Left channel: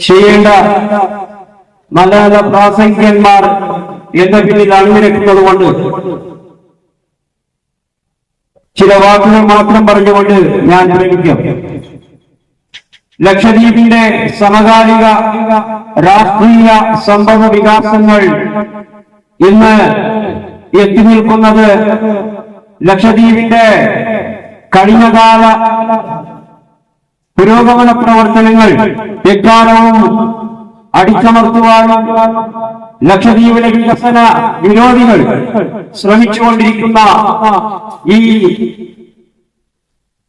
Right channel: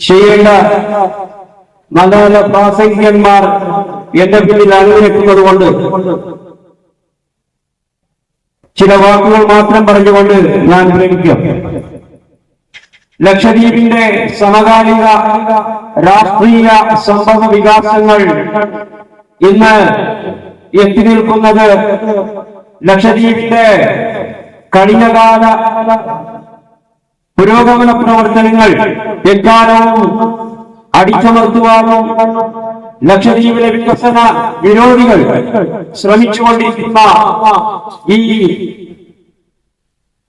ചെയ്യേണ്ട നല്ല നല്ല പ്രാസംഗികന്മാർ എന്റെ പിന്നിൽ അണിനിരക്കുന്നത് കൊണ്ട് ചില വാക്കുകൾ മാത്രം പറഞ്ഞുകൊണ്ട് ഞാൻ വിരമിക്കാം. ലക്ഷദ്വീപിന്റെ സമകാലിക രാഷ്ട്രീയ സംഭവ വികാസങ്ങൾ ഇന്ന് എത്തി നിൽക്കുന്നത് ലക്ഷദ്വീപിന്റെ കഴിഞ്ഞകാല പുരോഗമന പ്രവർത്തനങ്ങൾ എക്കാലവും അടിച്ചമർത്തുവാനും ലക്ഷദ്വീപിലെ വികസന വിരോധികൾ ശ്രമിച്ചുകൊണ്ടിരിക്കുന്ന ഈ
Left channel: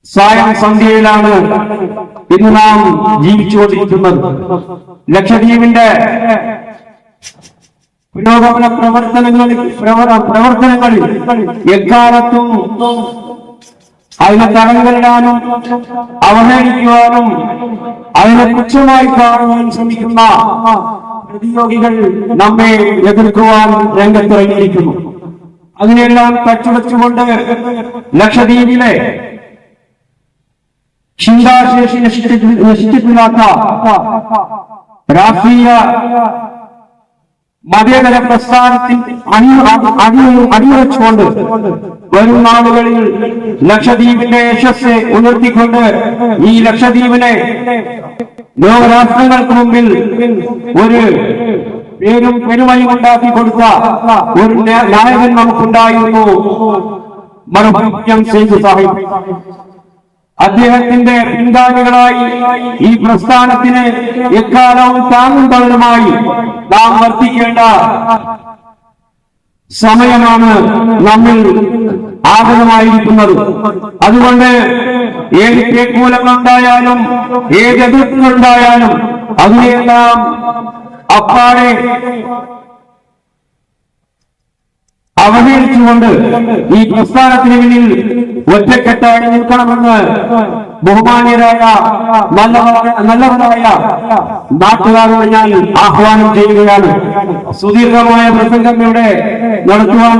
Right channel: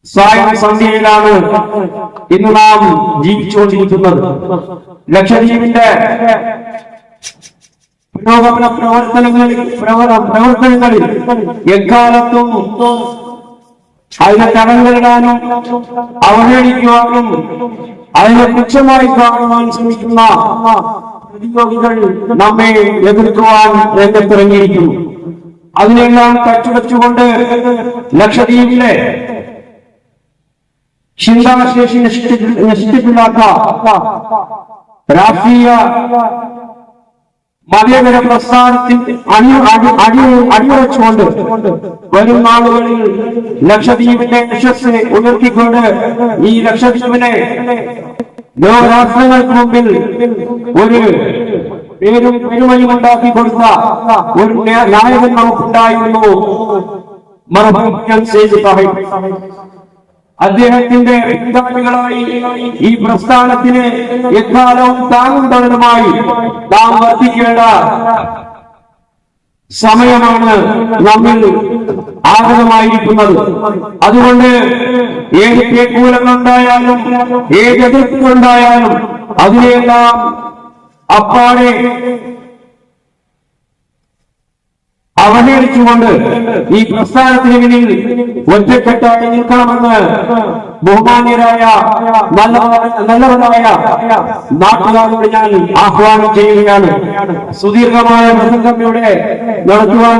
സായം സന്ധ്യയിലാണ് ഇന്ന് നാം ജീവിച്ചുകൊണ്ടിരിക്കുന്നത്. ലക്ഷദ്വീപിന്റെ പുരോഗമന പ്രവർത്തനങ്ങളിൽ പ്രവ- പ്രവർത്തനങ്ങളിൽ എക്കാലത്തും അതിനെ തടങ്കലിടാനും അവഹേളിക്കുവാനും അതിനെ തുച്ഛമായി കാണുവാൻ ശ്രമിക്കുന്ന പ്രതിയോഗികൾ നമ്മെ എതിർക്കുവാൻ രംഗത്തിറങ്ങിയിരിക്കുന്നു. അതിനെല്ലാം തച്ചുവച്ചുകൊണ്ട് ലക്ഷദ്വീപിലെ ചിന്താശേഷി നശിപ്പിക്കാത്ത രാഷ്ട്രീയ മതേതര പ്രസ്ഥാനത്തിൽ അണി അടി- അടി- അടിയുറച്ചുകൊണ്ട് വരും നാളുകളിൽ ലക്ഷദ്വീപിന്റെ യശസ് ഉയർത്തിക്കൊണ്ട് ഈ ലക്ഷദ്വീപിനെ ലോകരാഷ്ട്രങ്ങൾക്ക് മുമ്പിൽ ഒരു പേരും പെരുമയും ഉണ്ടാക്കി കൊടുത്ത ഒരു നായകൻ നമുക്കുണ്ടായിരുന്നു. മറുപടി സേതു സാഹിബ്. അദ്ദേഹത്തിന്റെ പിൻഗാമികളായി ഈ പ്രസ്ഥാനത്തിന് എക്കാലവും താങ്ങുന്നവരുമായി നാം വർത്തിക്കേണ്ട സമയമാണ് നമ്മിൽ ആഗ്രഹമായിരിക്കുന്നത് അതുകൊണ്ട് ഏത് തേക്കൂലങ്ങളുണ്ടായാലും ഏത് എതിർപ്പുകളുണ്ടായാലും അതിനെല്ലാം അപ്പാടെ അവഹേളിച്ചുകൊണ്ട് ഈ പ്രസ്ഥാനത്തിന് പിന്നിൽ ഒറ്റക്കെട്ടായി നിൽക്കണമെന്ന് ബഹുമാന്യരായ നല്ലവരായ നാട്ടുകാരോട് ഞാൻ ആഹ്വാനം ചെയ്യുകയാണ്. സുദീർഘമായ പ്രസംഗം ഇവിടെ നടത്തുവാൻ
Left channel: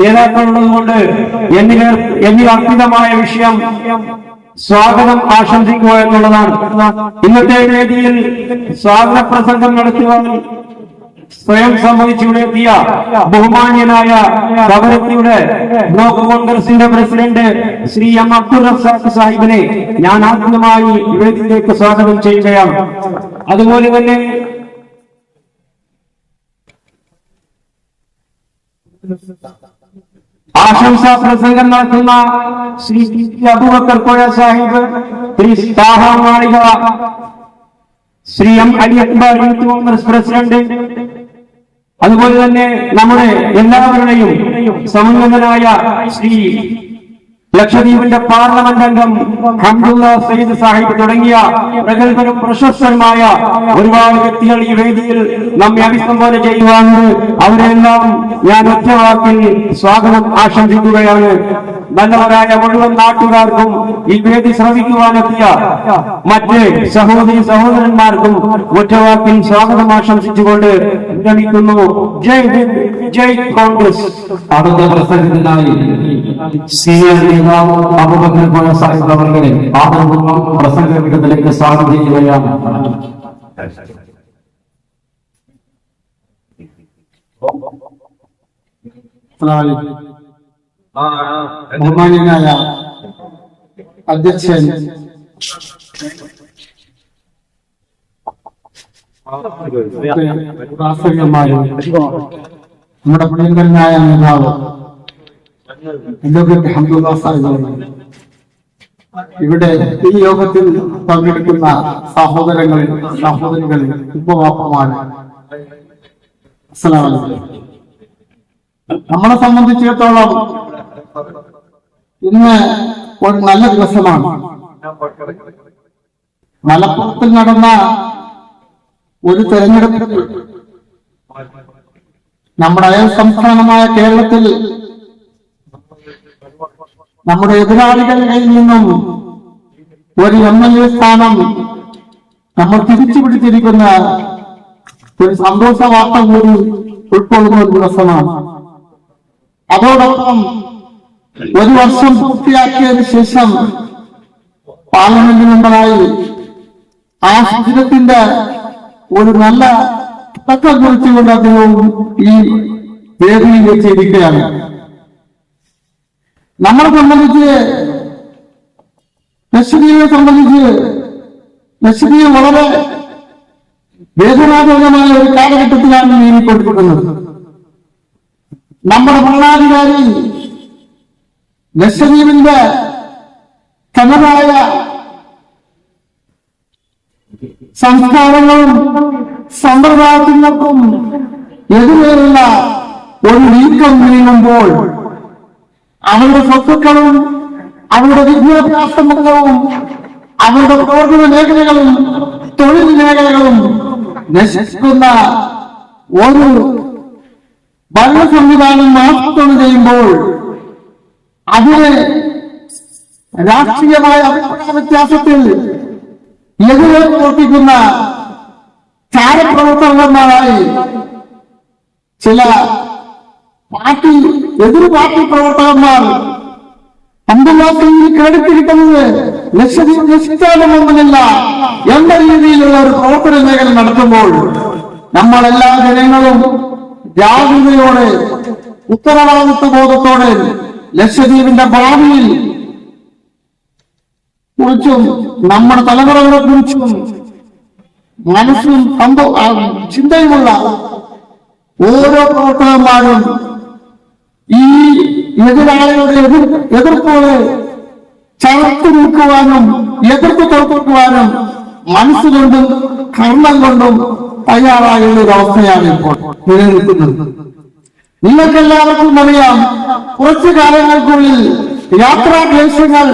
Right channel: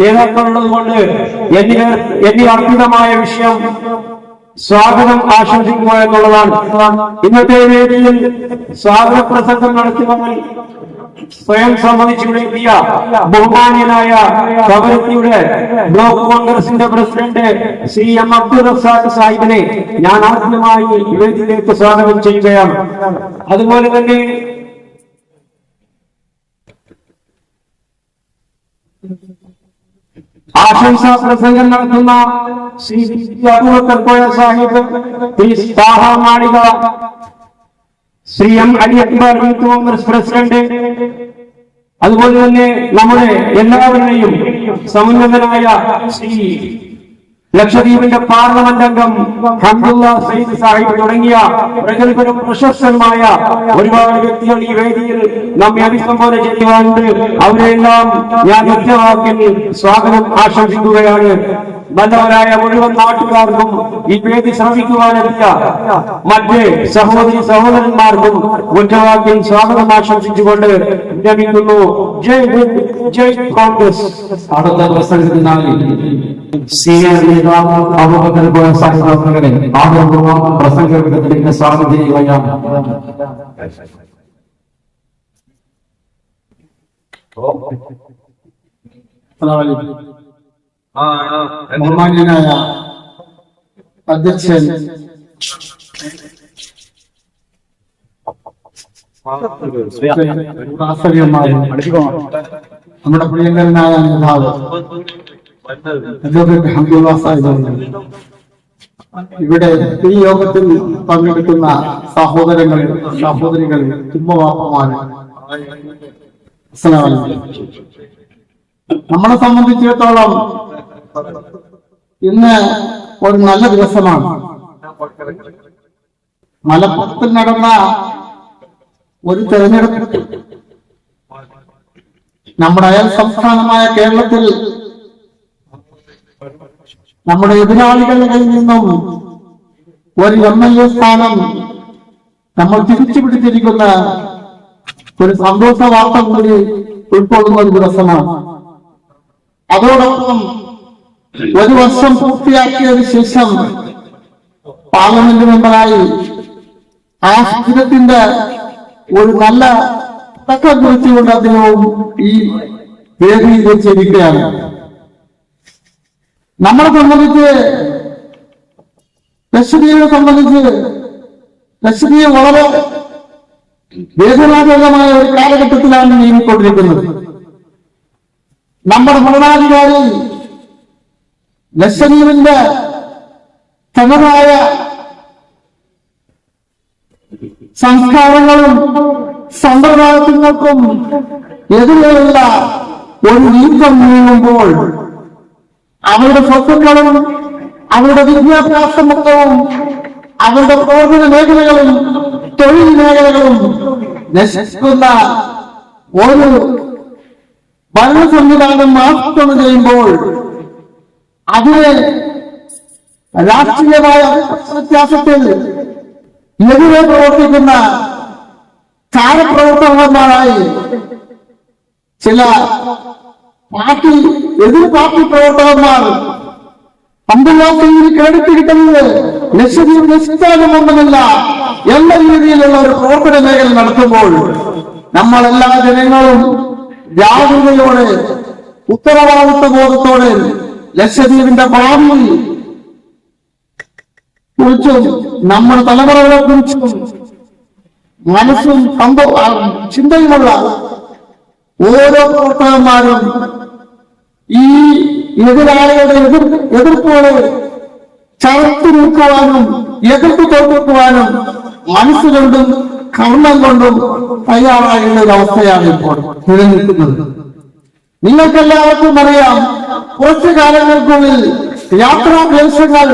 നേതാക്കളുള്ളത് കൊണ്ട് എന്നിവ അർപ്പിതമായ വിഷയം സ്വാഗതം ആശംസിക്കുക എന്നുള്ളതാണ്. ഇന്നത്തെ വേദിയിൽ സ്വാഗത പ്രസംഗം നടത്തുവാൻ സ്വയം സമ്മതിച്ചിവിടെ എത്തിയ ബഹുമാന്യനായ കവരത്തിയുടെ ബ്ലോക്ക് കോൺഗ്രസിന്റെ പ്രസിഡന്റ് ശ്രീ എം അബ്ദുൾ റസാഖ് സാഹിബിനെ ഞാൻ ആദ്യമായി വേദിയിലേക്ക് സ്വാഗതം ചെയ്യുകയാണ് അതുപോലെ തന്നെ ആശംസ പ്രസംഗം നടത്തുന്ന Shri. Abubakar Sahib Shri Taha Shri M Ali Akbar youth Congress president അതുപോലെ തന്നെ നമ്മുടെ എല്ലാവരുടെയും സമന്വിതനായ ശ്രീ ലക്ഷദ്വീപിന്റെ പാർലമെന്റ് അംഗം ഹംദുല്ല സയ്യിദ് സാഹിബ് തുടങ്ങിയ പ്രഗത്ഭരും പ്രശസ്തന്മായ ഒരുപാട് വ്യക്തികൾ ഈ വേദിയിൽ നമ്മെ അഭിസംബോധന ചെയ്യുവാനുണ്ട്. അവരെല്ലാം ഞാൻ ഒറ്റവാക്കിൽ സ്വാഗതം ആശംസിക്കുകയാണ്. നല്ലവരായ മുഴുവൻ നാട്ടുകാർക്കും ഈ വേദി ശ്രമിക്കുവാനെത്തിയ മറ്റ് സഹോദരി സഹോദരന്മാർക്കും ഒറ്റവാക്കിൽ സ്വാഗതം ആശംസിച്ചുകൊണ്ട് വിരമിക്കുന്നു. ജയ് ഹിന്ദ് ജയ് കോൺഗ്രസ്. അടുത്ത പ്രസംഗത്തിനായി സീനിയർ നേതാവ് അബൂബക്കർ സാഹിബ് അവരുടെ ആദരപൂർവം പ്രസംഗത്തിലേക്ക് സ്വാഗതം ചെയ്യുകയാണ്. ബഹുമാന്യനായ അധ്യക്ഷൻ. നമ്മുടെ പ്രിയങ്കരനായ നേതാവ് ഇവിടെ ഈ യോഗത്തിൽ പങ്കെടുക്കുന്ന സഹോദരങ്ങൾ സഹോദരികൾ അലൈക്കും. നമ്മളെ സംബന്ധിച്ചിടത്തോളം ഇന്ന് ഒരു നല്ല ദിവസമാണ്. മലപ്പുറത്തിൽ നടന്ന ഒരു തെരഞ്ഞെടുപ്പിൽ നമ്മുടെ അയൽ സംസ്ഥാനമായ കേരളത്തിൽ നമ്മുടെ എതിരാളികളിൽ നിന്നും ഒരു എം എൽ എ സ്ഥാനം നമ്മൾ തിരിച്ചു പിടിച്ചിരിക്കുന്ന ഒരു സന്തോഷ വാർത്ത കൂടി ഉൾക്കൊള്ളുന്ന ഒരു ദിവസമാണ്. അതോടൊപ്പം ഒരു വർഷം പൂർത്തിയാക്കിയതിന് ശേഷം പാർലമെന്റ് മെമ്പറായി ആ സുദിനത്തിന്റെ ഒരു നല്ല തക്കം കുറിച്ചുകൊണ്ട് അദ്ദേഹവും ഈ വേദിയിൽ വെച്ചിരിക്കുകയാണ് നമ്മളെ സംബന്ധിച്ച് ലക്ഷ്മിയെ സംബന്ധിച്ച് ലക്ഷദ്വീപ് വളരെ വേദനാജനകമായ ഒരു കാലഘട്ടത്തിലാണ് നീങ്ങിക്കൊണ്ടിരിക്കുന്നത്. നമ്മുടെ ഭരണാധികാരി ലക്ഷദ്വീപിന്റെ തനതായ സംസ്കാരങ്ങളും സമ്പ്രദായത്തിനൊപ്പം എതിരെയുള്ള ഒരു നീക്കം നീങ്ങുമ്പോൾ അവരുടെ സ്വത്തുക്കളും അവരുടെ വിദ്യാഭ്യാസ മുഖവും അവരുടെ പ്രവർത്തന മേഖലകളും തൊഴിൽ മേഖലകളും നശിക്കുന്ന ഒരു ഭരണ സംവിധാനം ആസൂത്രണം ചെയ്യുമ്പോൾ അതിന് രാഷ്ട്രീയമായ അഭിപ്രായ വ്യത്യാസത്തിൽ എതിരെ പ്രവർത്തിക്കുന്ന ചാരപ്രവർത്തകന്മാരായി ചില പാർട്ടി എതിർ പാർട്ടി പ്രവർത്തകന്മാർ അന്തർരാഷ്ട്രീയയിൽ ക്രെഡിറ്റ് കിട്ടുന്നത് ലക്ഷദ്വീപ് നശിച്ചാലുമൊന്നുമില്ല എന്ന രീതിയിലുള്ള ഒരു പ്രവർത്തന മേഖല നടത്തുമ്പോൾ നമ്മളെല്ലാ ജനങ്ങളും ജാഗ്രതയോടെ ഉത്തരവാദിത്വ ബോധത്തോടെ ലക്ഷദ്വീപിന്റെ ഭാവിയിൽ കുറിച്ചും നമ്മൾ തലമുറകളെ കുറിച്ചും മനസ്സും ആ, ചിന്തയുമുള്ള ഓരോ പ്രവർത്തകന്മാരും ഈ എതിരാളികളുടെ എതിർ എതിർപ്പുകളെ ചവർത്തി നിൽക്കുവാനും എതിർപ്പ് തോൽപ്പിക്കുവാനും മനസ്സുകൊണ്ടും കർമ്മം കൊണ്ടും തയ്യാറായുള്ള ഒരു അവസ്ഥയാണ് ഇപ്പോൾ നിലനിൽക്കുന്നത്. നിങ്ങൾക്ക് എല്ലാവർക്കും അറിയാം കുറച്ചു കാലങ്ങൾക്കുള്ളിൽ യാത്രാ ക്ലേശങ്ങൾ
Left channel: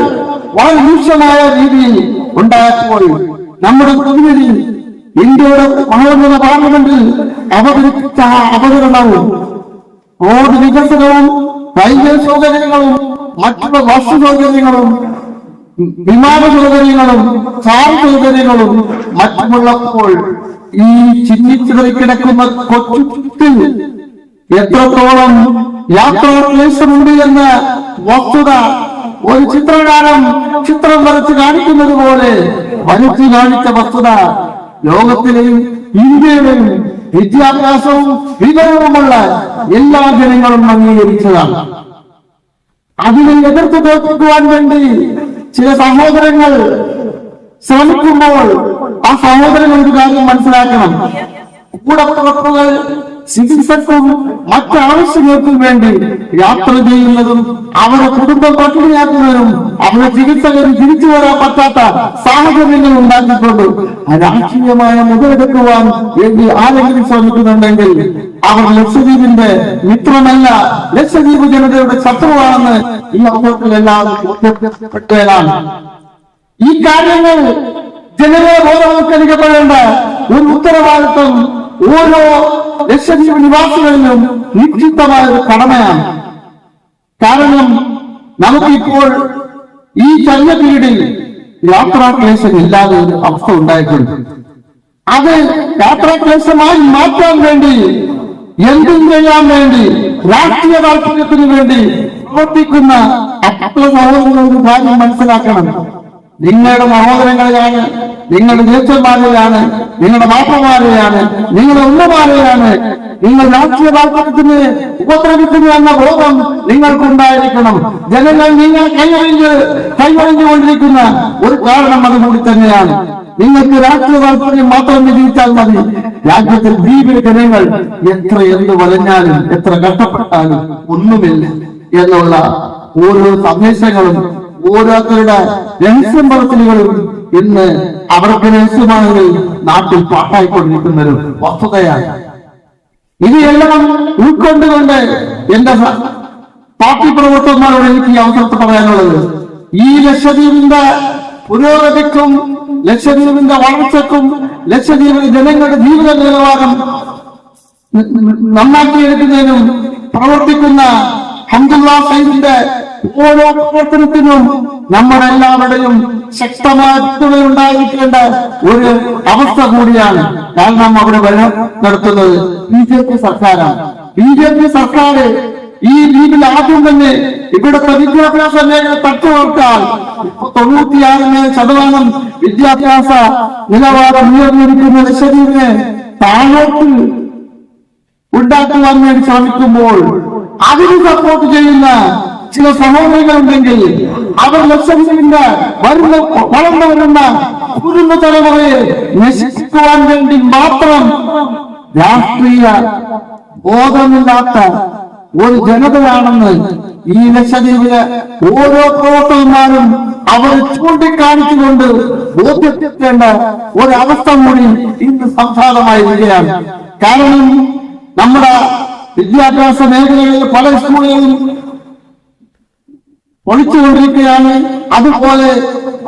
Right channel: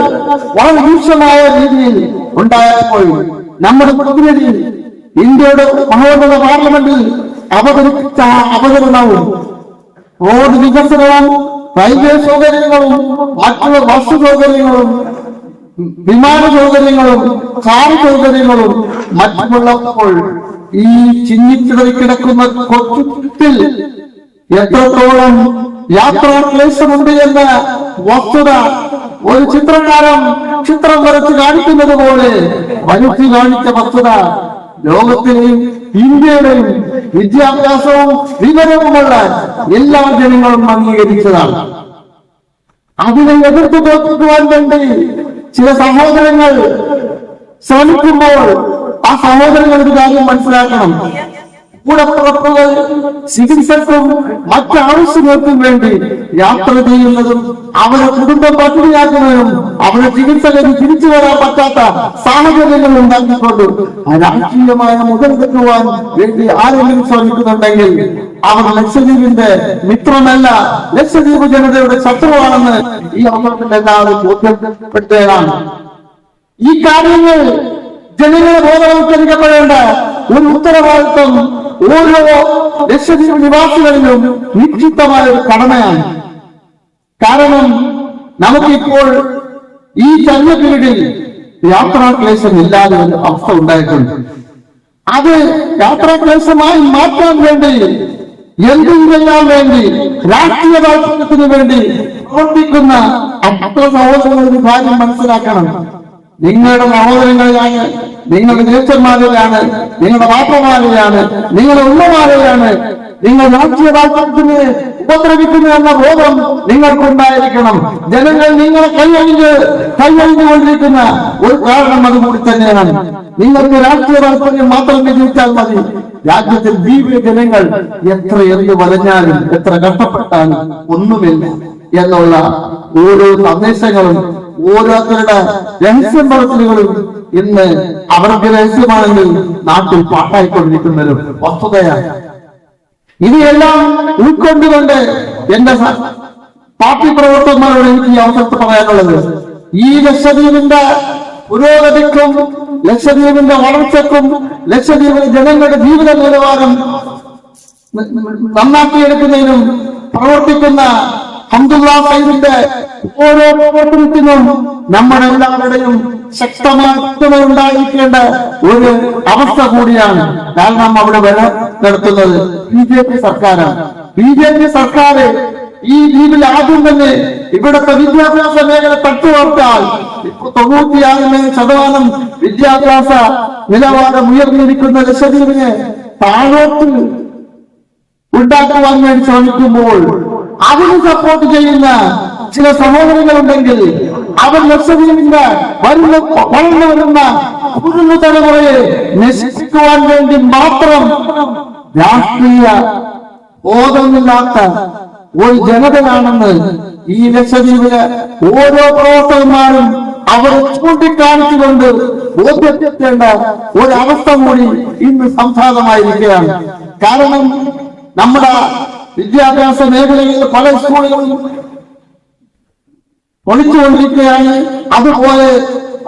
വളരെ രൂക്ഷമായ രീതിയിൽ ഉണ്ടായപ്പോൾ നമ്മുടെ പ്രതിനിധി ഇന്ത്യയുടെ മനോഹര പാർലമെന്റിൽ അവതരിപ്പിച്ച അവതരണവും റോഡ് വികസനവും റെയിൽവേ സൗകര്യങ്ങളും മറ്റുള്ള ബസ് സൗകര്യങ്ങളും വിമാന സൗകര്യങ്ങളും കാർ സൗകര്യങ്ങളും മറ്റുമുള്ളപ്പോൾ ഈ ചിന്നിച്ചിതറി കിടക്കുന്ന കൊച്ചുത്തിൽ എത്രത്തോളം യാത്രാക്ലേശമുണ്ട് എന്ന വസ്തുത ഒരു ചിത്രകാരൻ ചിത്രം വരച്ച് കാണിക്കുന്നത് പോലെ വരച്ച് കാണിച്ച വസ്തുത ലോകത്തിലെയും ഇന്ത്യയുടെയും വിദ്യാഭ്യാസവും വിവരവുമുള്ള എല്ലാ ജനങ്ങളും അംഗീകരിച്ചതാണ്. അതിനെ എതിർത്ത് തോൽപ്പിക്കുവാൻ വേണ്ടി ചില സഹോദരങ്ങൾ ശ്രമിക്കുമ്പോൾ ആ സഹോദരങ്ങൾ ഒരു കാര്യം മനസ്സിലാക്കണം. കൂടപ്പുറപ്പുകൾ ചികിത്സക്കും മറ്റ് ആവശ്യങ്ങൾക്കും വേണ്ടി യാത്ര ചെയ്യുന്നതും അവരെ കുടുംബം പട്ടിണിയാക്കുന്നതും അവരെ ചികിത്സകരും തിരിച്ചു വരാൻ പറ്റാത്ത സാഹചര്യങ്ങൾ ഉണ്ടാക്കിക്കൊണ്ട് രാഷ്ട്രീയമായ മുതലെടുക്കുവാൻ വേണ്ടി ആരെങ്കിലും ശ്രമിക്കുന്നുണ്ടെങ്കിൽ അവർ ലക്ഷദ്വീപിന്റെ മിത്രമല്ല ലക്ഷദ്വീപ് ജനതയുടെ ശത്രുവാണെന്ന് ഈ അവസരത്തിൽ എല്ലാവരും ബോധ്യപ്പെട്ടതാണ് ഈ കാര്യങ്ങൾ ജനങ്ങളെ ബോധവൽക്കരിക്കപ്പെടേണ്ട ഒരു ഉത്തരവാദിത്വം ഓരോ ലക്ഷദ്വീപ് നിവാസികളിലും നിക്ഷിപ്തമായ ഒരു കടമയാണ്. കാരണം നമുക്കിപ്പോൾ ഈ പീരീഡിൽ യാത്രാക്ലേശം ഇല്ലാതെ ഒരു അവസ്ഥ ഉണ്ടായിട്ടുണ്ട്. അത് യാത്രാക്ലേശമായി മാറ്റാൻ വേണ്ടി എന്തും ചെയ്യാൻ വേണ്ടി രാഷ്ട്രീയ താല്പര്യത്തിന് വേണ്ടി പ്രവർത്തിക്കുന്ന അത്ര സഹോദരങ്ങൾ ഒരു കാര്യം മനസ്സിലാക്കണം. നിങ്ങളുടെ സഹോദരങ്ങളെയാണ് നിങ്ങളുടെ ജ്യേഷ്ഠന്മാരെയാണ് നിങ്ങളുടെ മാപ്പമാരെയാണ് നിങ്ങളുടെ ഉമ്മമാരെയാണ്. നിങ്ങൾ രാഷ്ട്രീയ താല്പര്യത്തിന് ഉപദ്രവിക്കുന്നു എന്ന ബോധം നിങ്ങൾക്കുണ്ടായിരിക്കണം. ജനങ്ങൾ നിങ്ങളെ കൈയൊഴിഞ്ഞ് കൈയൊഴിഞ്ഞുകൊണ്ടിരിക്കുന്ന ഒരു കാരണം അതുകൂടി തന്നെയാണ്. നിങ്ങൾക്ക് രാഷ്ട്രീയ താല്പര്യം മാത്രം വിജയിച്ചാൽ മതി. രാജ്യത്തിൽ ദ്വീപിലെ ജനങ്ങൾ എത്ര എന്ത് വലഞ്ഞാലും എത്ര കഷ്ടപ്പെട്ടാലും ഒന്നുമില്ല എന്നുള്ള ഓരോ സന്ദേശങ്ങളും ഓരോരുത്തരുടെ രഹസ്യം പറച്ചിലുകളും ഇന്ന് രഹസ്യമാണെങ്കിൽ നാട്ടിൽ പാട്ടായിക്കൊണ്ടിരിക്കുന്ന ഒരു വസ്തുതയാണ്. ഇവയെല്ലാം ഉൾക്കൊണ്ടുകൊണ്ട് എന്റെ പാർട്ടി പ്രവർത്തകന്മാരോട് എനിക്ക് ഈ അവസരത്തിൽ പറയാനുള്ളത് ഈ ലക്ഷദ്വീപിന്റെ പുരോഗതിക്കും ലക്ഷദ്വീപിന്റെ വളർച്ചക്കും ലക്ഷദ്വീപിലെ ജനങ്ങളുടെ ജീവിത നിലവാരം നന്നാക്കിയെടുക്കുന്നതിനും പ്രവർത്തിക്കുന്ന ഹംദുല്ല സൈദിന്റെ ഓരോ പ്രവർത്തനത്തിനും നമ്മുടെ എല്ലാവരുടെയും ശക്തമായ പിന്തുണ ഉണ്ടായിരിക്കേണ്ട ഒരു അവസ്ഥ കൂടിയാണ് കാരണം അവിടെ വരെ നടത്തുന്നത്. ബി ജെ പി സർക്കാരാണ്. ബി ജെ പി സർക്കാർ ഈ ലീഗിൽ ആദ്യം തന്നെ ഇവിടുത്തെ വിദ്യാഭ്യാസ മേഖല തട്ടുവർത്താൽ തൊണ്ണൂറ്റിയാറിന് ശതമാനം വിദ്യാഭ്യാസ നിലവാരം ഉയർന്നിരിക്കുന്ന ലക്ഷദ്വീപിനെ താഴോട്ട് ഉണ്ടാക്കുവാൻ വേണ്ടി ശ്രമിക്കുമ്പോൾ അതിന് സപ്പോർട്ട് ചെയ്യുന്ന ചില സഹോദരികളുണ്ടെങ്കിൽ അവർ ലക്ഷദ്വീപിന്റെ വരുന്ന വളർന്നു വരുന്ന കുടുംബ തലമുറയെ നശിപ്പിക്കുവാൻ വേണ്ടി മാത്രം രാഷ്ട്രീയ ബോധമില്ലാത്ത ഒരു ജനതയാണെന്ന് ഈ ലക്ഷദ്വീപിലെ ഓരോ പ്രവർത്തകന്മാരും അവർ ചൂണ്ടിക്കാണിച്ചുകൊണ്ട് ബോധ്യപ്പെടുത്തേണ്ട ഒരവസ്ഥ കൂടി ഇന്ന് സംസാരമായിരിക്കുകയാണ് കാരണം നമ്മുടെ വിദ്യാഭ്യാസ മേഖലകളിൽ പല സ്കൂളുകളും ഒളിച്ചുകൊണ്ടിരിക്കുകയാണ് അതുപോലെ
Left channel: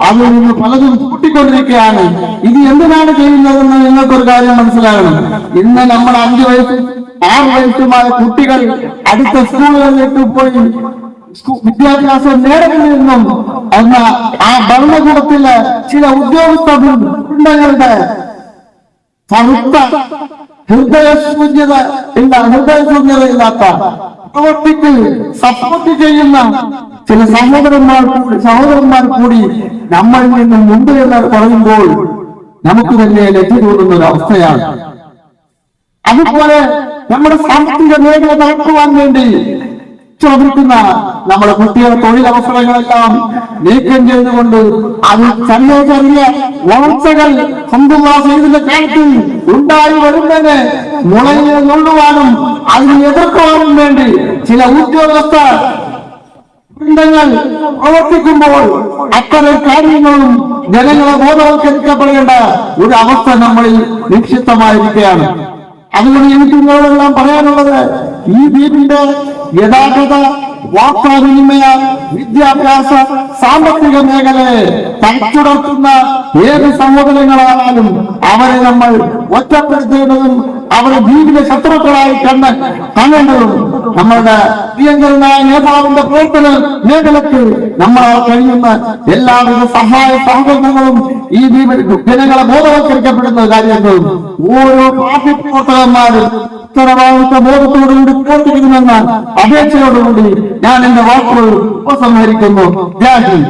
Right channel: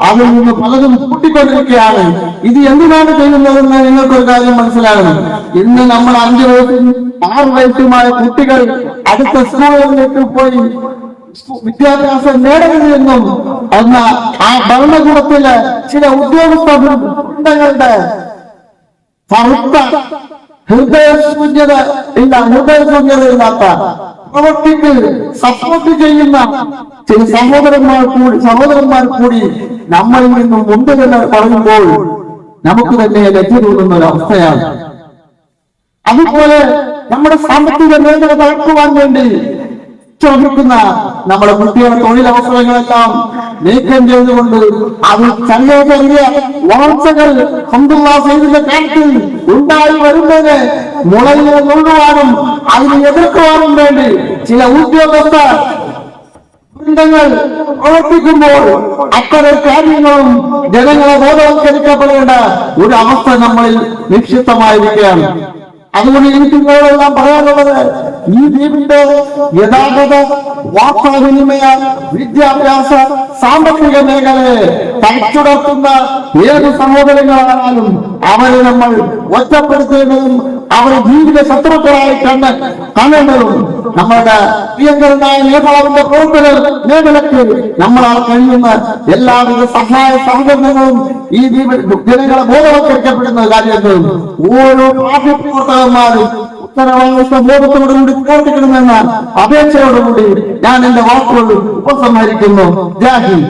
അവിടെ നിന്ന് പലതും കൂട്ടിക്കൊണ്ടിരിക്കുകയാണ്. ഇത് എന്തുമാണ് ചെയ്യുന്നതെന്ന് നിങ്ങൾക്കൊരു കാര്യം മനസ്സിലാകണം. ഇന്ന് നമ്മൾ അഞ്ചു വയസ്സും ആറ് വയസ്സുമായ കുട്ടികൾ അടുത്ത സ്കൂളുകളിലേക്ക് പോയി വിദ്യാഭ്യാസം നേടുന്നതെന്നും എന്ന ആ ഭരണകൂടത്തിലെ ചില ഉദ്യോഗസ്ഥ വൃന്ദങ്ങളുടെ കറുത്ത ഹൃദയശൂന്യത ഇല്ല ഹൃദയ ശൂന്യത ഇല്ലാത്ത പ്രവർത്തിക്ക് സപ്പോർട്ട് ചെയ്യുന്ന ചില സഹോദരന്മാർ കൂടി സഹോദരന്മാർ കൂടി നമ്മളിൽ നിന്നും മുമ്പ് എന്ന് പറയുമ്പോൾ നമുക്ക് തന്നെ ലജ്ജ തോന്നുന്ന ഒരു അവസ്ഥയാണ്. അതുപോലെ നമ്മുടെ സാമ്പത്തിക മേഖല നോക്കുവാൻ വേണ്ടി ശ്രമിക്കുന്ന നമ്മുടെ കുട്ടിയുടെ തൊഴിലവസരങ്ങളെല്ലാം നീക്കം ചെയ്തുകൊണ്ട് അത് ചെറിയ ചെറിയ വളർച്ചകൾ സൈദിന്റെ കാലത്തിൽ ഉണ്ടായി വരുന്നതിന് മുളയിൽ നുള്ളുവാനും അതിനെ എതിർക്കുവാനും വേണ്ടി ചില ഉദ്യോഗസ്ഥ വൃന്ദങ്ങൾ പ്രവർത്തിക്കുമ്പോൾ അത്തരം കാര്യങ്ങളും ജനങ്ങളെ ബോധവൽക്കരിക്കപ്പെടേണ്ട ഒരു അവസ്ഥ നമ്മളിൽ നിക്ഷിപ്തമായിരിക്കുകയാണ്. അതുകൊണ്ട് എനിക്ക് നിങ്ങളോടെല്ലാം പറയാനുള്ളത് ഈ ദ്വീപിന്റെ ഗതാഗത വാർത്താവിനിമയ വിദ്യാഭ്യാസ സാമ്പത്തിക മേഖലയെ തച്ചുടർത്തുന്ന ഏത് സഹോദരങ്ങളായാലും അവരെ നമ്മൾ ഒറ്റപ്പെടുത്തേണ്ടതും അവരെ ജീവിത ശത്രുക്കളായി കണ്ട് കാണേണ്ടതും നമ്മളുടെ പ്രിയങ്കരനായ നേതാവിന്റെ പ്രവർത്തന മേഖലയ്ക്ക് നമ്മളാൽ കഴിയുന്ന എല്ലാവിധ സഹായ സഹകരണങ്ങളും ഈ ജനങ്ങളെ ബോധവൽക്കരിക്കപ്പെടുന്ന കാര്യങ്ങളും ഓരോ പാർട്ടി പ്രവർത്തകന്മാരും ഉത്തരവാദിത്വ ബോധത്തോടുകൂടി പ്രവർത്തിക്കണമെന്ന അപേക്ഷയോടുകൂടി ഞാൻ എന്റെ വാക്കുകൾ ഉപസംഹരിക്കുന്നു. ജാഹിന്ദ്